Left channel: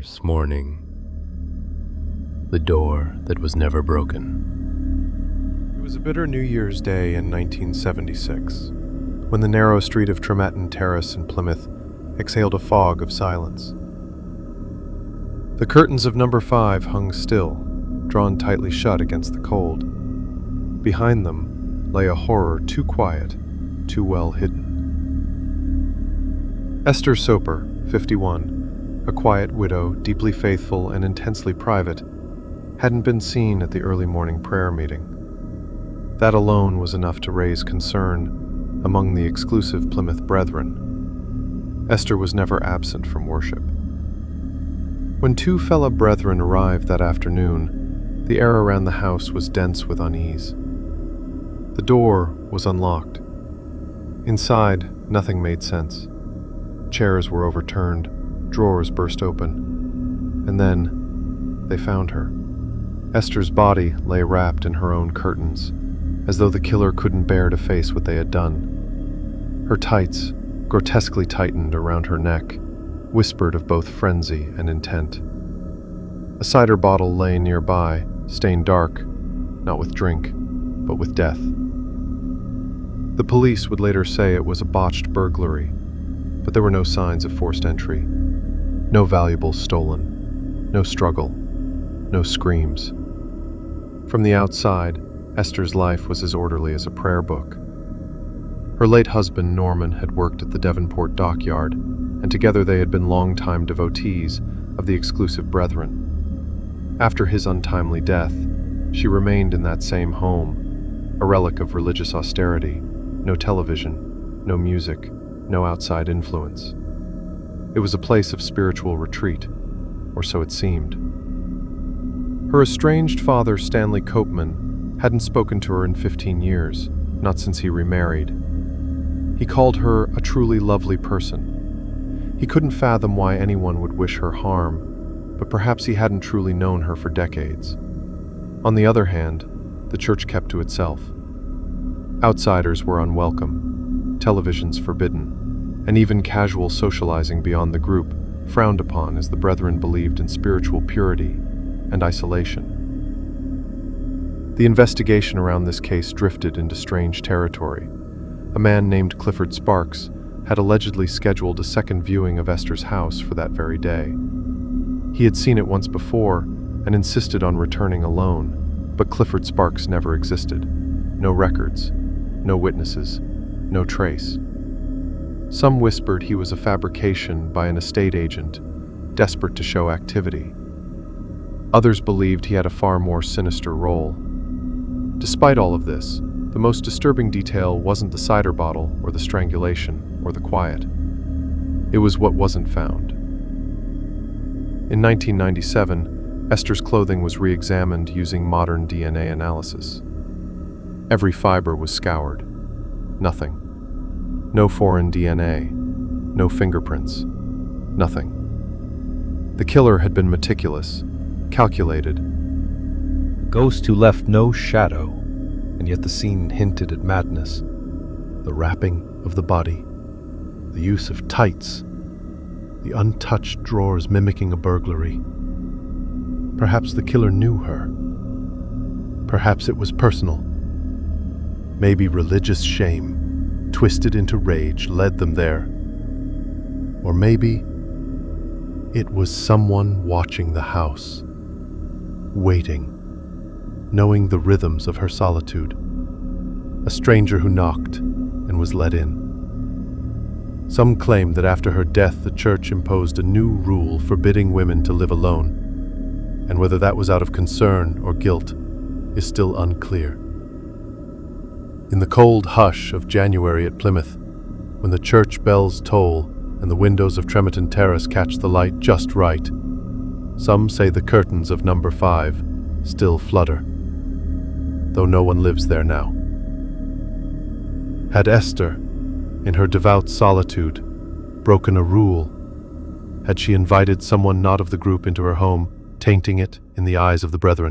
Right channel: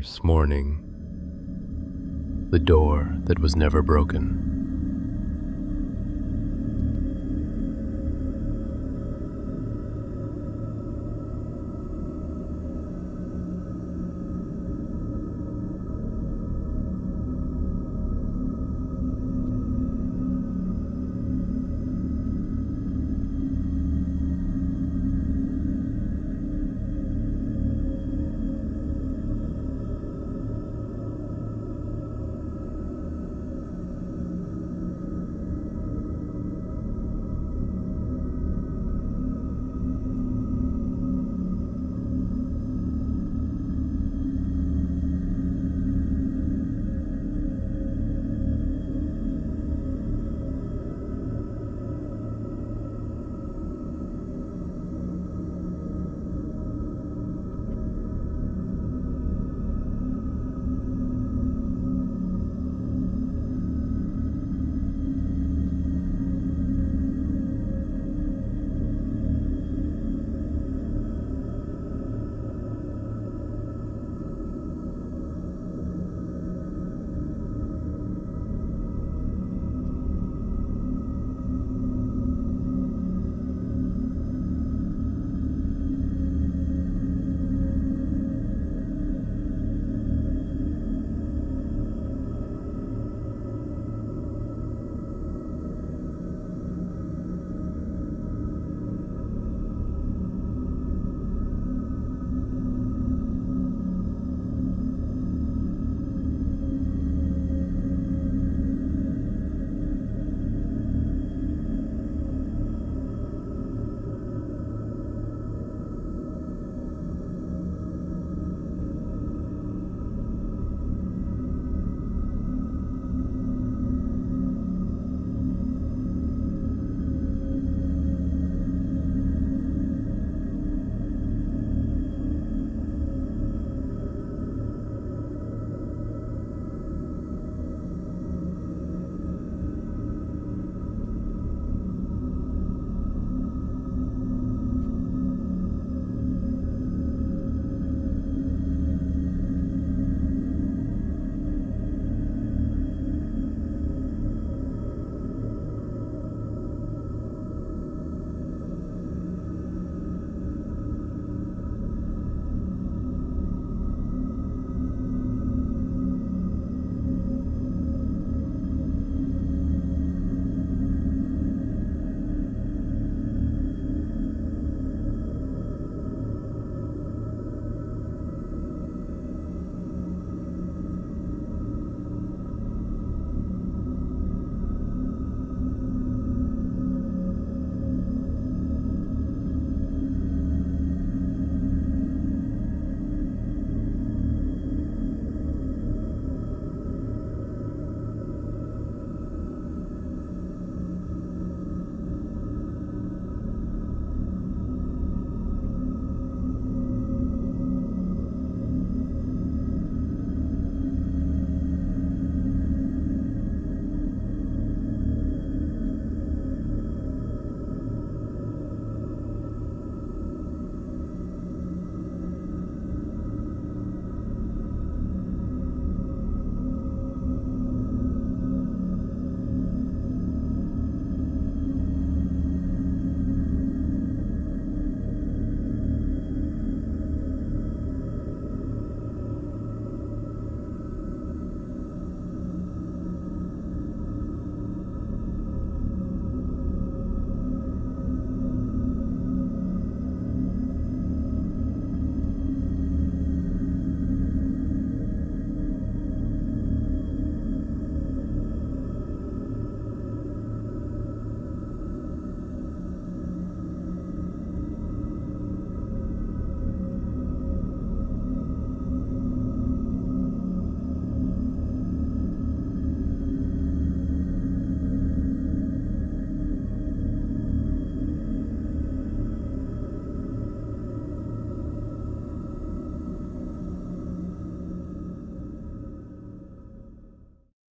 Fierce morning. The door that was never broken. It was a bitter New Year's Day in 1976, when the narrow street of Tremetton Terrace in Plymouth exhaled a fog of silence. The curtains of number 5 hung still, drawn tightly shut against the cold. Behind them lay a horror too quiet, too well hidden. Esther Soper, 51, a quiet widow, deeply faithful and intensely private, hadn't been seen at the early morning prayer meeting. That alone was enough to raise concern among the exclusive Plymouth brethren. Esther was never absent from worship. When two fellow brethren arrived that afternoon, the air around the house was dense with unease. The door was unlocked. Inside, nothing made sense. Chairs were overturned, drawers burst open, and then they found her. Esther's body lay wrapped in her own curtains, as though the killer couldn't bear to face what they had done. Her tights, grotesquely tightened around her neck, whispered of both frenzy and intent. A cider bottle lay nearby, stained dark, not with drink, but with death. The police would later say it was a botched burglary, but there were no signs of forced entry. No valuables stolen, no struggle, no screams. From the outside, Esther's life was as orderly as a prayer book. Her late husband, Norman, had worked at the Devonport dockyard, and together they had been longtime devotees of the exclusive brethren. After his untimely death, she remained in that same home, a relic of religious austerity, no television, no music, no outside influence. It was a place of spiritual retreat, or so it seemed. Her estranged father, Stanley Copeman, hadn't spoken to her in 15 years, not since he remarried. He called her a truly lovely person. He couldn't fathom why anyone would wish her harm, but perhaps he hadn't truly known her for decades. On the other hand, the church kept to itself. Outsiders were unwelcome, televisions forbidden, and even casual socializing beyond the group frowned upon, as the brethren believed in spiritual purity and isolation. The investigation around this case drifted into strange territory. A man named Clifford Sparks had allegedly scheduled a second viewing of Esther's house for that very day. He had seen it once before and insisted on returning alone, but Clifford Sparks never existed. No records, no witnesses, no trace. Some whispered he was a fabrication by an estate agent, desperate to show activity. Others believed he had a far more sinister role. Despite all of this, the most disturbing detail wasn't the cider bottle or the strangulation or the quiet. It was what wasn't found. In 1997, Esther's clothing was re-examined using modern DNA analysis. Every fiber was scoured. Nothing. No foreign DNA. No fingerprints. Nothing. The killer had been meticulous, calculated. Ghost who left no shadow, and yet the scene hinted at madness. The wrapping of the body, the use of tights, the untouched drawers mimicking a burglary. Perhaps the killer knew her. Perhaps it was personal. Maybe religious shame, twisted into rage, led them there. Or maybe it was someone watching the house, waiting, knowing the rhythms of her solitude. A stranger who knocked and was let in. Some claim that after her death, the church imposed a new rule forbidding women to live alone, and whether that was out of concern or guilt is still unclear. In the cold hush of January at Plymouth, when the church bells toll and the windows of Tremetton Terrace catch the light just right, some say the curtains of number 5 still flutter, though no one lives there now. Had Esther, in her devout solitude, broken a rule? Had she invited someone not of the group into her home, tainting it in the eyes of the brethren?